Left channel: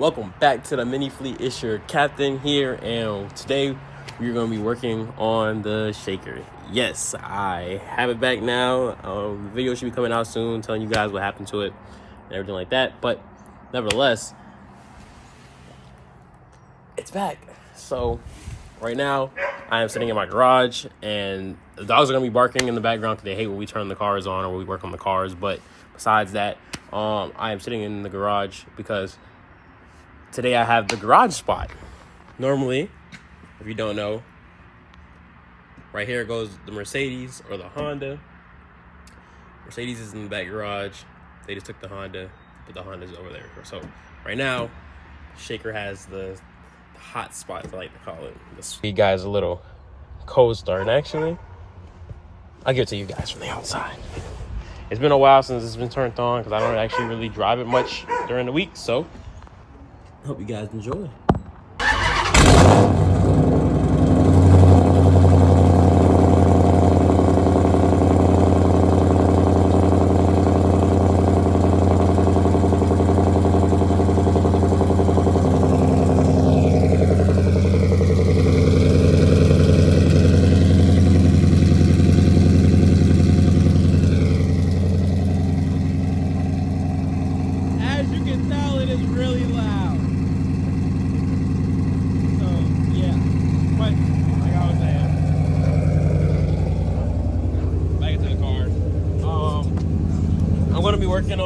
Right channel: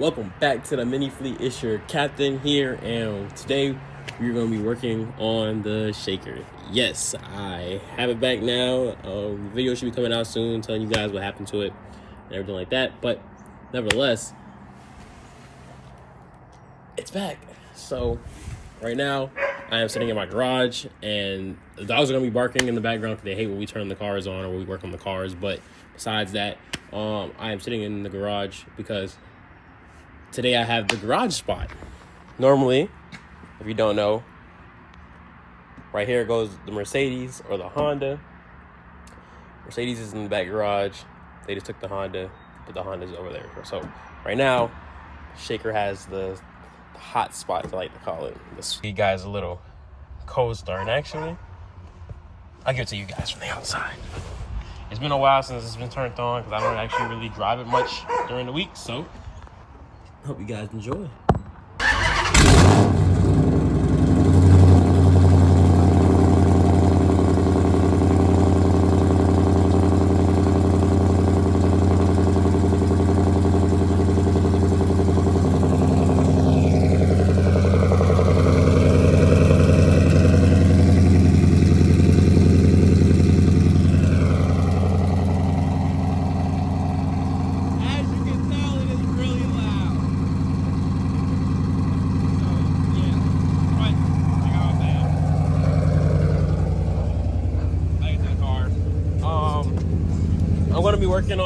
Welcome back to the Mini Fleet. It's your captain here, and today we're going to be working on the shaker. Yes, I have it back now. The video should be coming out soon, telling you guys what happened to it and everything like that. But nevertheless, it's back. So right now, I am sitting in my garage, and the dogs are going to be barking in the background because they hate when we turn the cars on or when we work on the cars. But besides that, I am sitting in the garage because today I have the garage spot. Normally, if you don't know, right here goes the Mercedes or the Honda. Mercedes is in the back garage. They just took the Honda, but the Honda's over there. So right now, shaker has the hot spot, I like to call it. Let's give you guys a little cold start. And actually, I'll give it to you guys from the outside. It's been a while since it's been turned on because I don't actually really drive it much during the week. So hope you guys enjoy.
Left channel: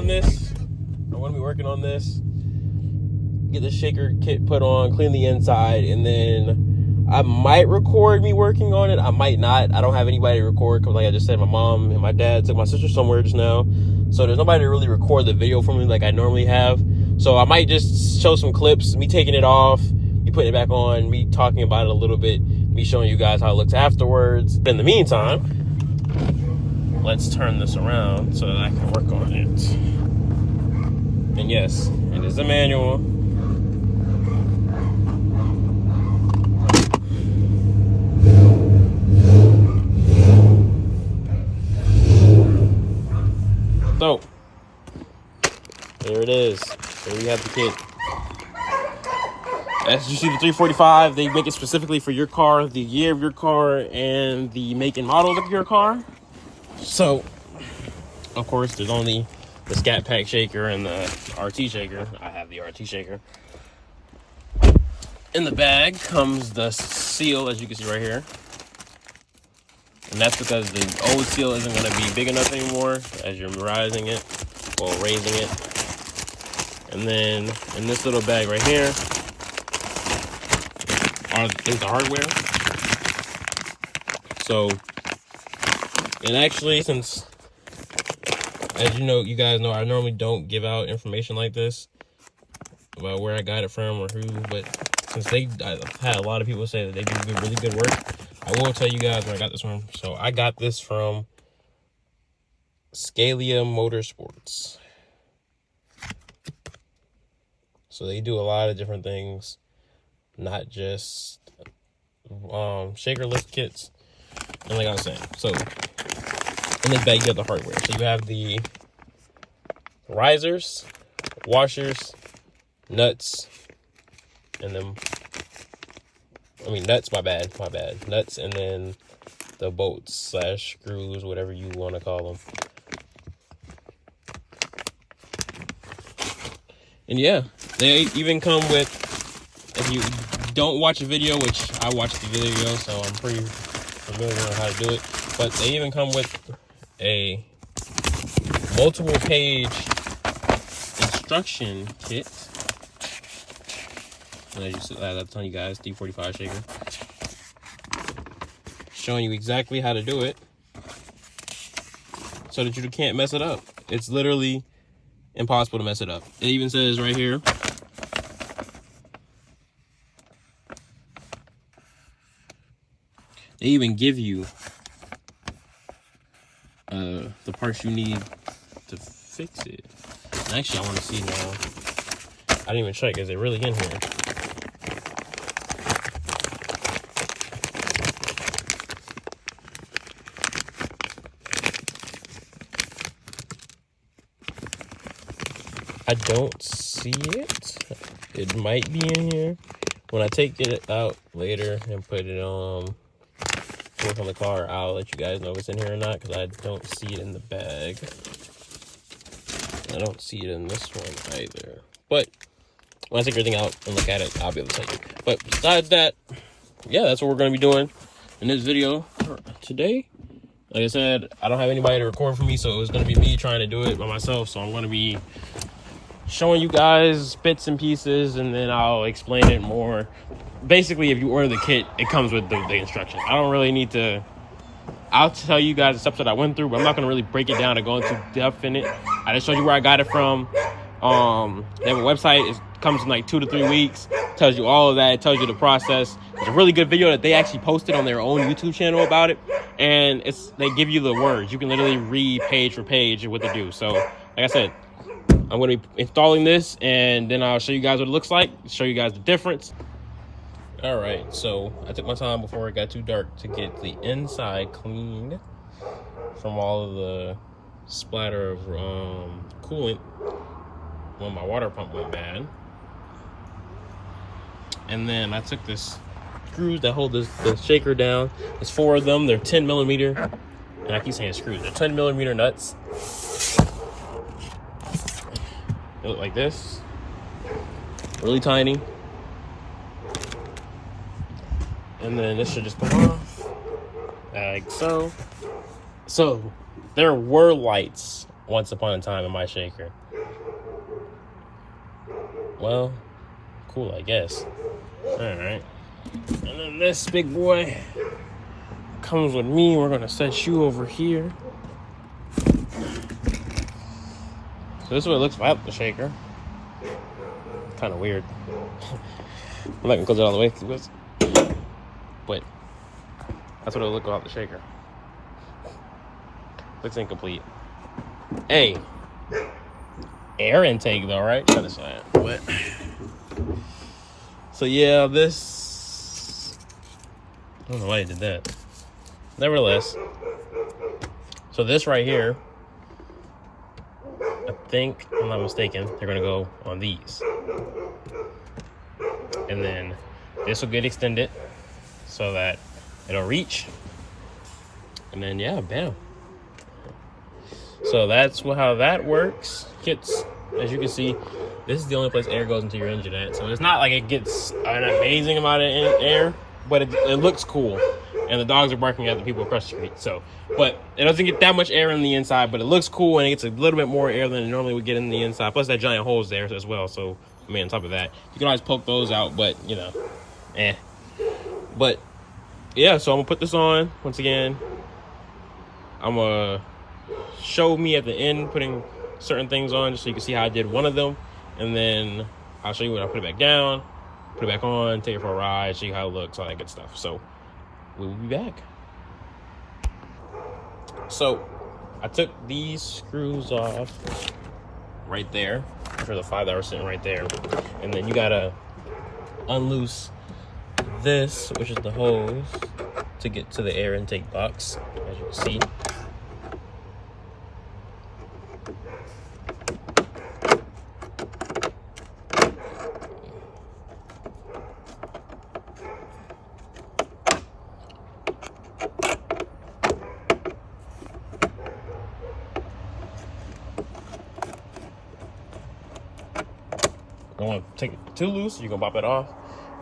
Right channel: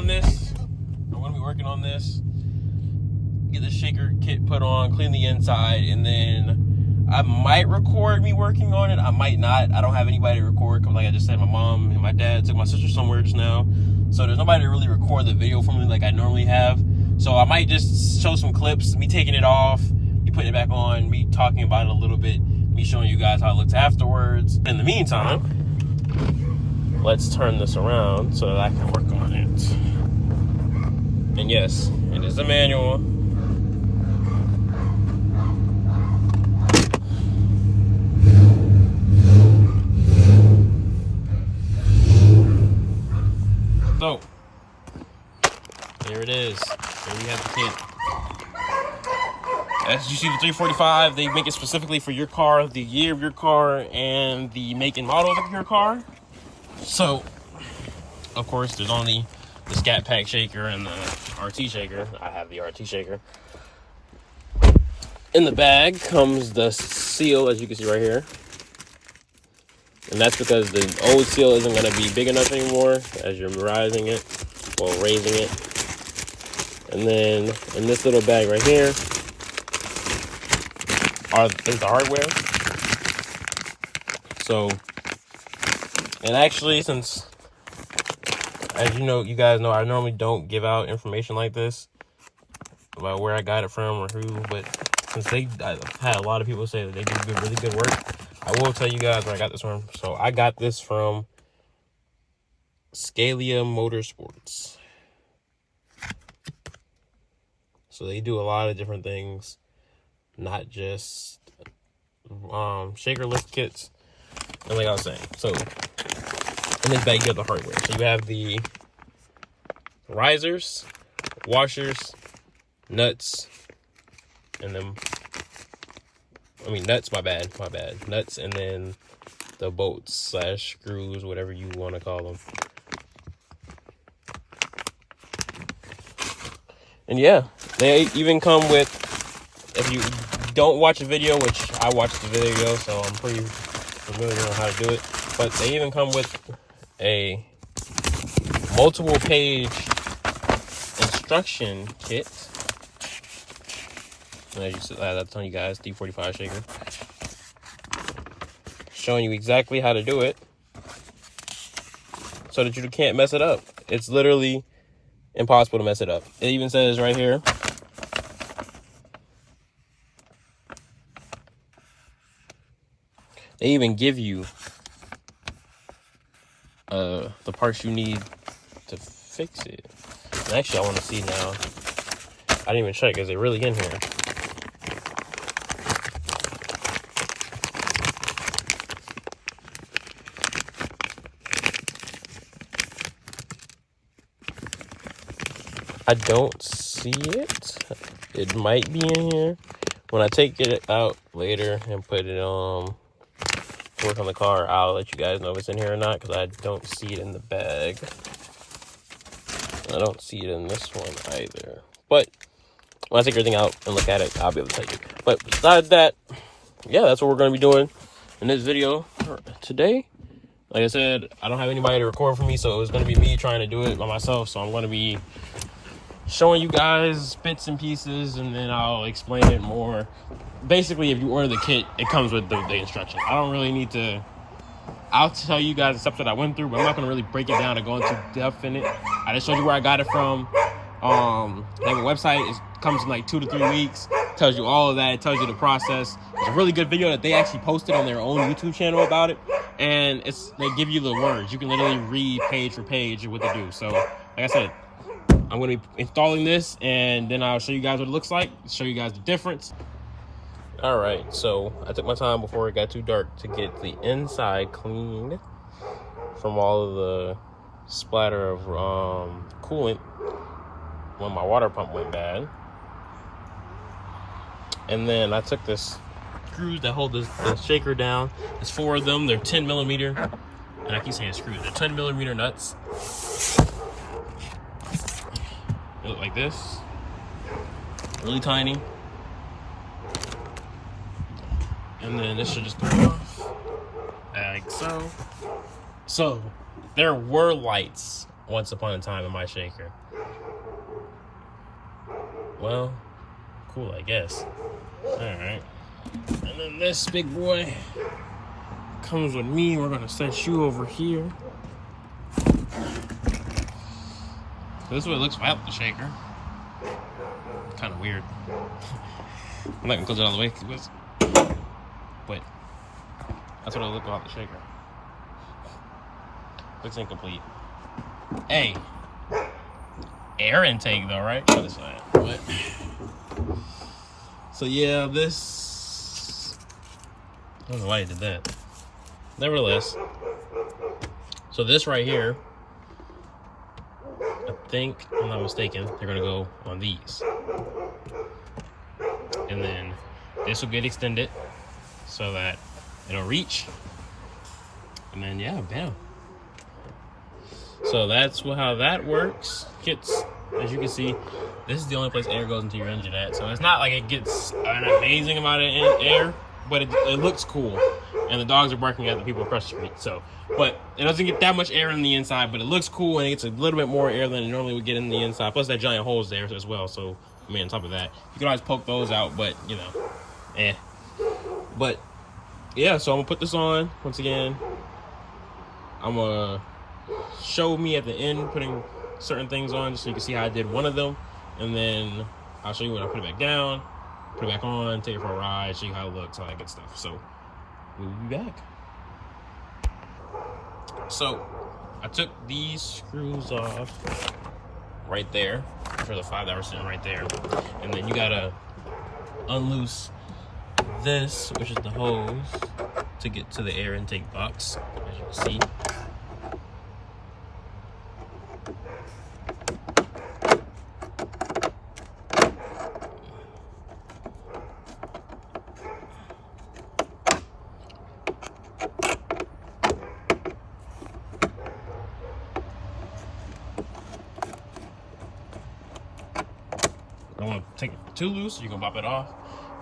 I'm gonna be working on this. Get the shaker kit put on, clean the inside, and then I might record me working on it. I might not. I don't have anybody to record because, like I just said, my mom and my dad took my sister somewhere just now, so there's nobody to really record the video for me like I normally have. So I might just show some clips, me taking it off, me putting it back on, me talking about it a little bit, me showing you guys how it looks afterwards. In the meantime, let's turn this around so that I can work on it. And yes, it is a manual. So, there it is. There you have the kit. As you see, the 345, they make it specifically for your car, the year of your car, and the make and model of your car. So, of course, there's only the Scat Pack shaker and the RT shaker. I have the RT shaker. In the bag comes the seal, as you can see right here. And that's because the old seal isn't going to be big enough anymore as you're raising it. And then in this little bag right here is the hardware. So, and actually, since, as you know, you guys know, I normally don't give out information like this about where I got it from or who, but since I had a lot of people say that they do really good work, I will tell you guys where I got this from. So I got this from Scalia Motorsports. So they do a lot of different things, not just shaker lift kits. And like I was saying, so in this bag you have the hardware. So you have the risers, washers, nuts, and then nuts, my bad, nuts, and then the bolts slash screws, whatever you want to call them. And yeah, they even come with, if you don't watch the video, which I watched the video, so I'm pretty familiar on how to do it, but they even come with a multiple page instruction kit. And as you said, I'm telling you guys, 345 shaker, showing you exactly how to do it so that you can't mess it up. It's literally impossible to mess it up. It even says right here, they even give you the parts you need to fix it. And actually, I want to see now. I didn't even check. Is it really in here? I don't see it. It might be in here. When I take it out later and put it work on the car, I'll let you guys know if it's in here or not, because I don't see it in the bag. I don't see it in this one either. But when I take everything out and look at it, I'll be able to tell you. But besides that, yeah, that's what we're going to be doing in this video today. Like I said, I don't have anybody to record for me, so it was going to be me trying to do it by myself. So I'm going to be showing you guys bits and pieces, and then I'll explain it more. Basically, if you order the kit, it comes with the instructions. I don't really need to... I'll tell you guys the stuff that I went through, but I'm not going to really break it down and go into depth in it. I just showed you where I got it from. They have a website. It comes in like 2 to 3 weeks. Tells you all of that. It tells you the process. It's a really good video that they actually posted on their own YouTube channel about it. And they give you the words. You can literally read page for page what they do. So, like I said, I'm going to be installing this, and then I'll show you guys what it looks like, show you guys the difference. All right, so I took my time before it got too dark to get the inside cleaned from all of the splatter of coolant when my water pump went bad. And then I took this screws that hold the shaker down. There's 4 of them. They're 10 millimeter. And I keep saying screws. They're 10 millimeter nuts. They look like this. Really tiny. And then this should just come off like so. So there were lights once upon a time in my shaker. Well, cool, I guess. All right. And then this big boy comes with me. We're gonna set you over here. So this is what it looks without the shaker. Kind of weird. I'm not gonna close it all the way, but that's what it looks without the shaker. It's incomplete. Hey, air intake though, right? But so yeah, this. I don't know why I did that. Nevertheless, so this right here, I think, if I'm not mistaken, they're gonna go on these. And then this will get extended so that it'll reach. And then yeah, bam. So that's how that works. Gets, as you can see, this is the only place air goes into your engine at. So it's not like it gets an amazing amount of air, but it looks cool. And the dogs are barking at the people across the street. So, but it doesn't get that much air on the inside, but it looks cool, and it gets a little bit more air than it normally would get in the inside. Plus that giant hole's there as well. So, I mean, on top of that, you can always poke those out, but you know, But yeah, so I'm gonna put this on once again. I'm gonna show me at the end putting certain things on just so you can see how I did one of them, and then I'll show you when I put it back down, put it back on, take it for a ride, show you how it looks, all that good stuff. So we'll be back. So I took these screws off right there for the 5 that were sitting right there, and then you gotta unloose this, which is the hose, to get to the air intake box, as you can see. Don't want to take it too loose, you can pop it off,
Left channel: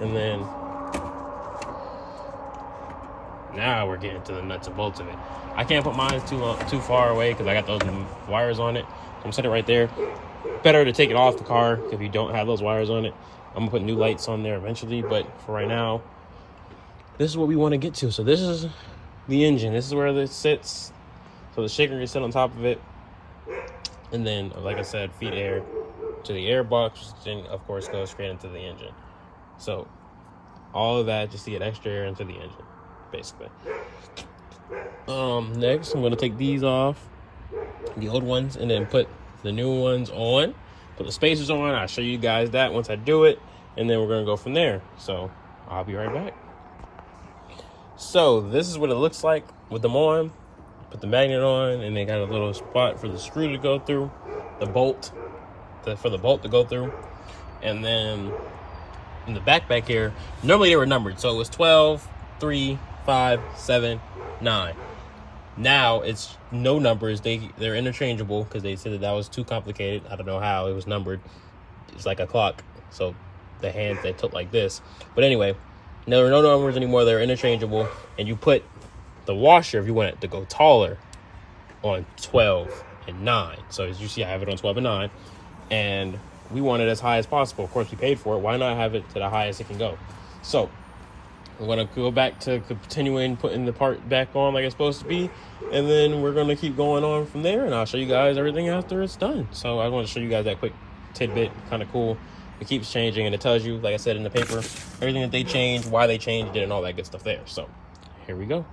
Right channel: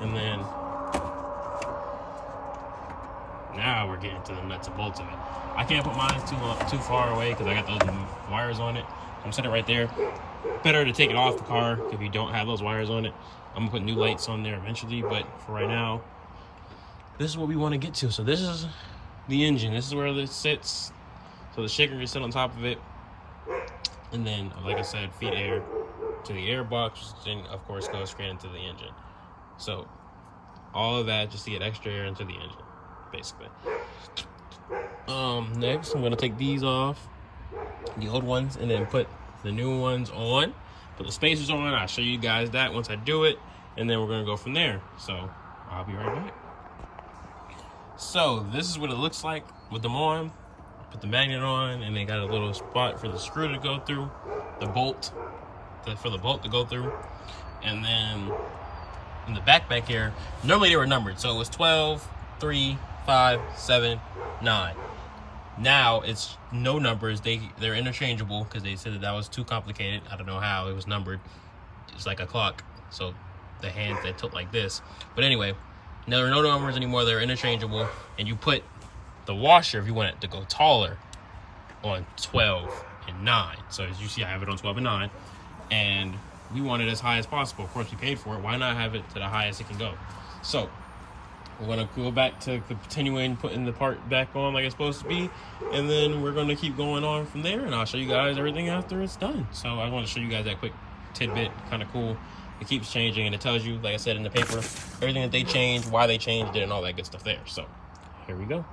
and then now we're getting to the nuts and bolts of it. I can't put mine too far away because I got those wires on it. I'm sitting right there. Better to take it off the car if you don't have those wires on it. I'm gonna put new lights on there eventually, but for right now, this is what we want to get to. So this is the engine. This is where it sits. So the shaker can sit on top of it, and then, like I said, feed air to the air box, then of course goes straight into the engine. So all of that just to get extra air into the engine, basically. Next I'm going to take these off, the old ones, and then put the new ones on, put the spacers on. I'll show you guys that once I do it, and then we're going to go from there. So I'll be right back. So this is what it looks like with them on. Put the magnet on, and they got a little spot for the screw to go through, the bolt for the bolt to go through. And then in the back here, normally they were numbered. So it was 12, 3, 5, 7, 9. Now it's no numbers. They're interchangeable because they said that was too complicated. I don't know how it was numbered. It's like a clock. So the hands that tilt like this. But anyway, there are no numbers anymore. They're interchangeable. And you put the washer, if you want it to go taller, on 12 and 9. So as you see, I have it on 12 and 9. And we want it as high as possible. Of course, we paid for it. Why not have it to the highest it can go? So we're going to go back to continuing putting the part back on like it's supposed to be. And then we're going to keep going on from there. And I'll show you guys everything after it's done. So I want to show you guys that quick tidbit. Kind of cool. It keeps changing. And it tells you, like I said in the paper, everything that they changed, why they changed it, and all that good stuff there. So here we go.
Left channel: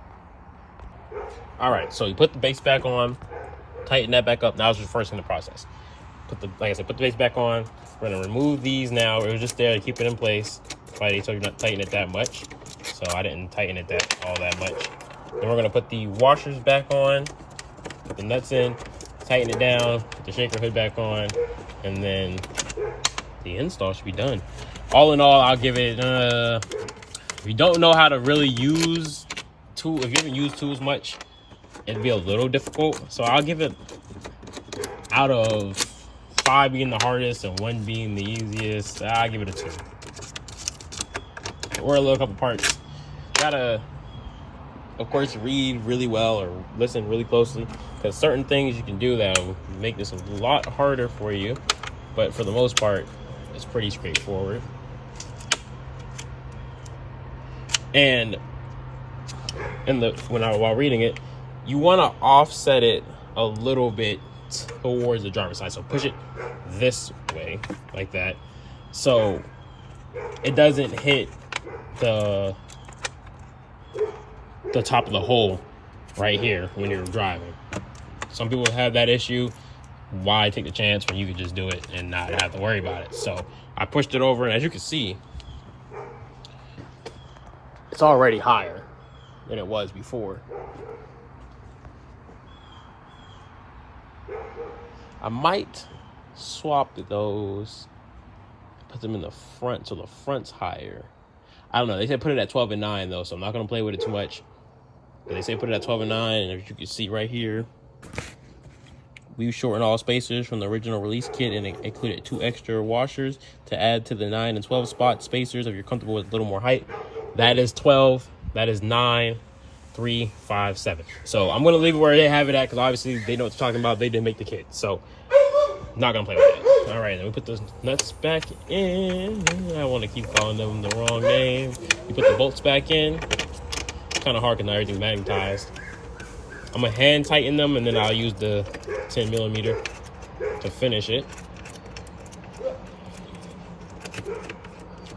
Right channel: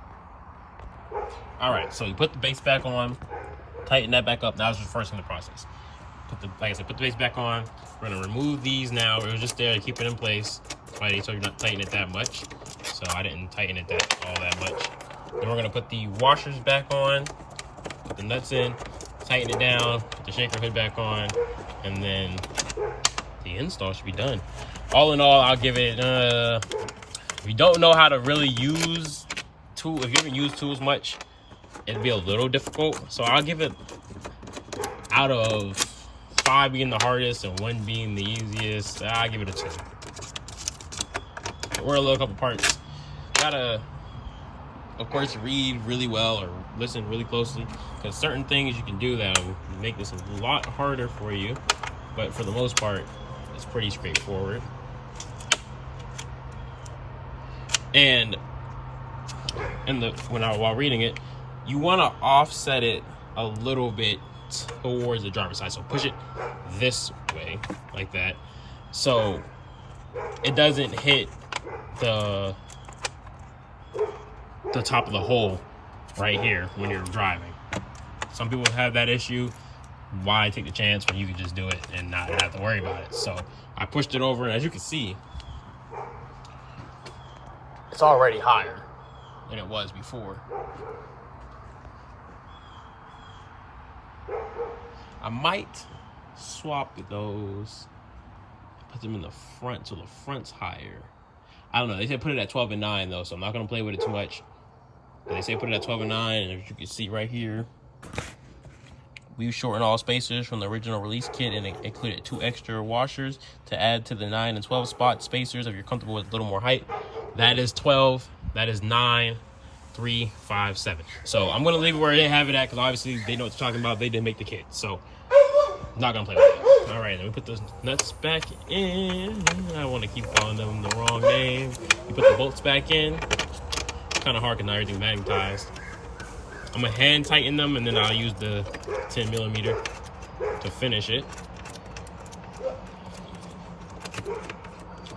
All right. So you put the base back on. Tighten that back up. Now it's reversing the process. Like I said, put the base back on. We're going to remove these now. It was just there to keep it in place. That's why they told you not to tighten it that much. So I didn't tighten it all that much. Then we're going to put the washers back on, put the nuts in, tighten it down, put the shaker hood back on, and then the install should be done. All in all, I'll give it, if you don't know how to really use tools, if you haven't used tools much, it'd be a little difficult. So I'll give it, out of 5 being the hardest and 1 being the easiest, I'll give it a 2. Or a little couple parts. Gotta, of course, read really well or listen really closely, because certain things you can do that will make this a lot harder for you. But for the most part, it's pretty straightforward. And while reading it, you want to offset it a little bit towards the driver's side. So push it this way, like that, so it doesn't hit the top of the hole right here when you're driving. Some people have that issue. Why take the chance when you could just do it and not have to worry about it? So I pushed it over, and as you can see, it's already higher than it was before. I might swap those, put them in the front so the front's higher. I don't know. They said put it at 12 and 9 though, so I'm not gonna play with it too much. But they say put it at 12 and 9, and as you can see right here, we shortened all spacers from the original release kit and it included 2 extra washers to add to the 9 and 12 spot spacers if you're comfortable with a little more height. That is 12, that is 9, 3, 5, 7. So I'm gonna leave it where they have it at, because obviously they know what they're talking about. They didn't make the kit, so I'm not gonna play with it. All right, then we put the nuts back in. I want to keep calling them the wrong name. You put the bolts back in. Kind of hard because not everything's magnetized. I'm gonna hand tighten them, and then I'll use the 10mm to finish it.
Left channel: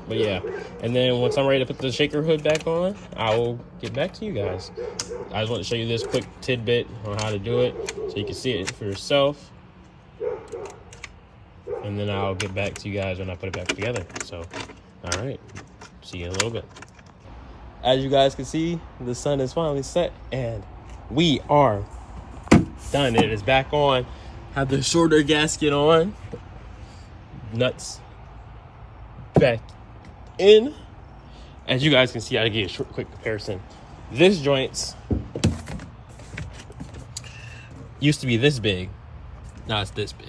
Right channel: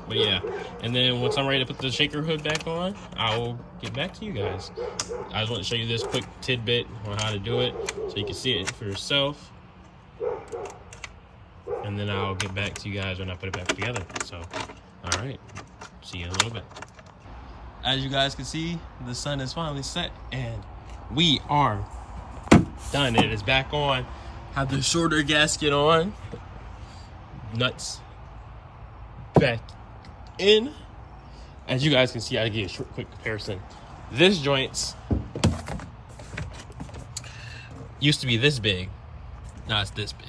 But yeah, and then once I'm ready to put the shaker hood back on, I will get back to you guys. I just want to show you this quick tidbit on how to do it so you can see it for yourself. And then I'll get back to you guys when I put it back together. So, all right, see you in a little bit. As you guys can see, the sun is finally set and we are done. It is back on. Have the shorter gasket on. Nuts back in. As you guys can see, I'll give you a quick comparison. This joint used to be this big. Now it's this big.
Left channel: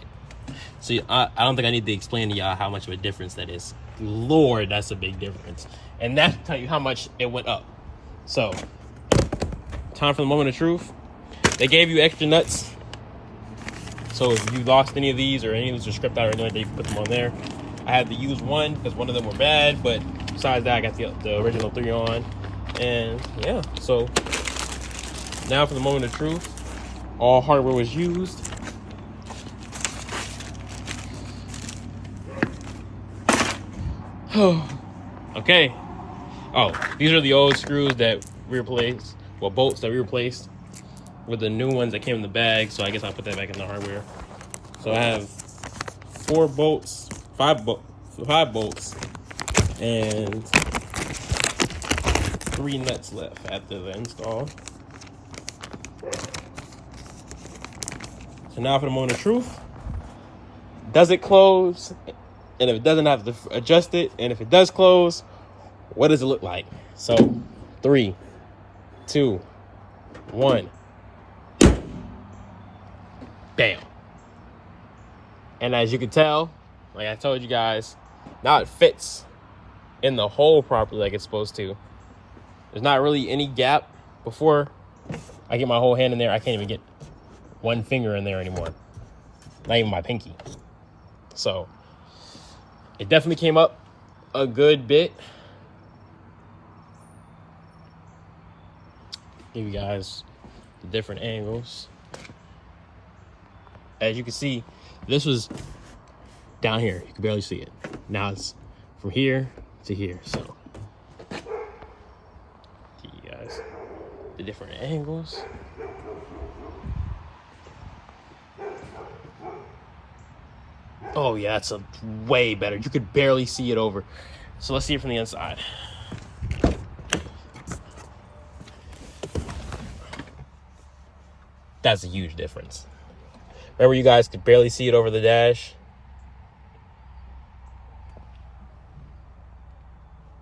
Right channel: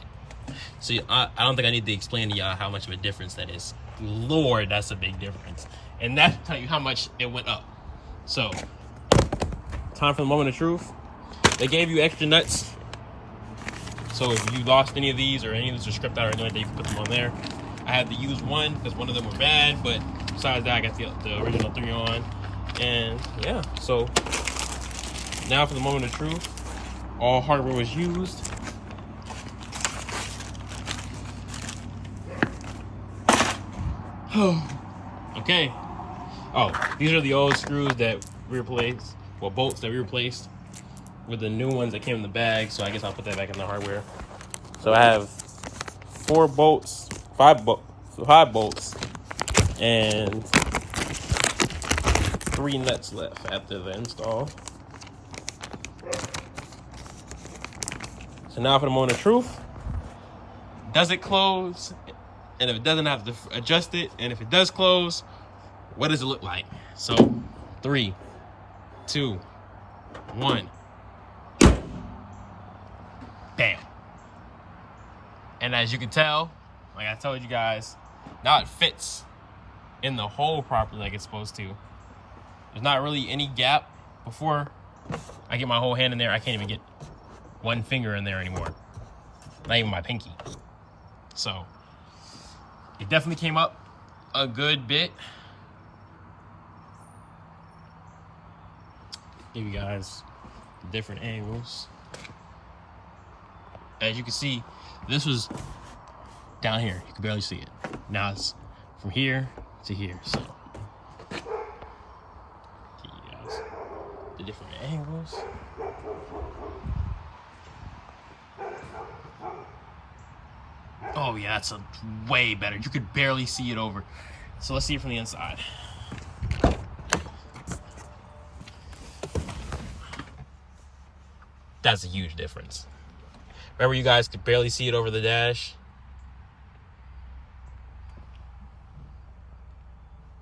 So I don't think I need to explain to y'all how much of a difference that is. Lord, that's a big difference. And that's to tell you how much it went up. So, time for the moment of truth. They gave you extra nuts. So if you lost any of these or any of these are stripped out or anything, they put them on there. I had to use one because one of them were bad, but besides that, I got the original 3 on. And yeah, so now for the moment of truth. All hardware was used. Okay. Oh, these are the old screws that we replaced. Well, bolts that we replaced with the new ones that came in the bag. So I guess I'll put that back in the hardware. So I have 5 bolts, and 3 nuts left after the install. So now for the moment of truth. Does it close and if it doesn't have to adjust it, and if it does close, what does it look like? So 3, 2, 1. Bam. And as you can tell, like I told you guys, now it fits in the hole properly like it's supposed to. There's not really any gap. Before I get my whole hand in there, I can't even get one finger in there anymore. Not even my pinky. So it definitely came up a good bit. Give you guys the different angles. As you can see, this was down here. You can barely see it. Now it's from here to here. So give you guys the different angles. Oh yeah, that's a way better. You could barely see it over. So let's see it from the inside. That's a huge difference. Remember, you guys could barely see it over the dash.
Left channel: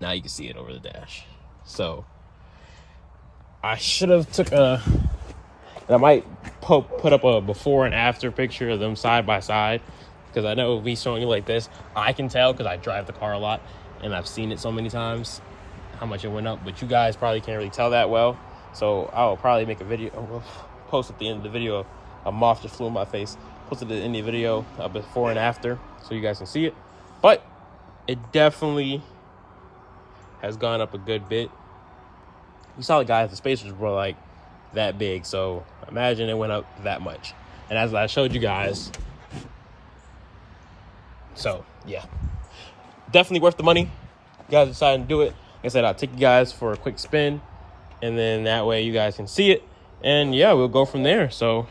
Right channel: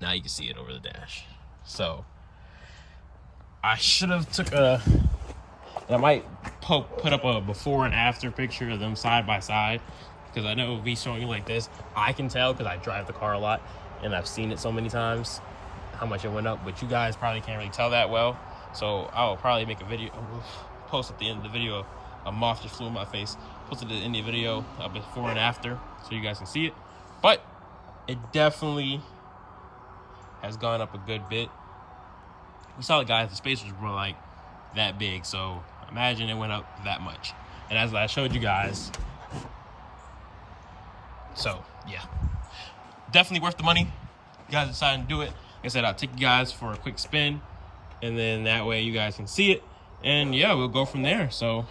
Now you can see it over the dash. So I should have took a, and I might put up a before and after picture of them side by side, because I know me showing you like this, I can tell because I drive the car a lot and I've seen it so many times how much it went up, but you guys probably can't really tell that well. So I'll probably make a video, post at the end of the video. A moth just flew in my face. Put it at the end of the video, before and after, so you guys can see it. But it definitely has gone up a good bit. You saw the guys, the spacers were like that big, so imagine it went up that much. And as I showed you guys, so yeah, definitely worth the money. You guys decided to do it. Like I said, I'll take you guys for a quick spin, and then that way you guys can see it. And yeah, we'll go from there. So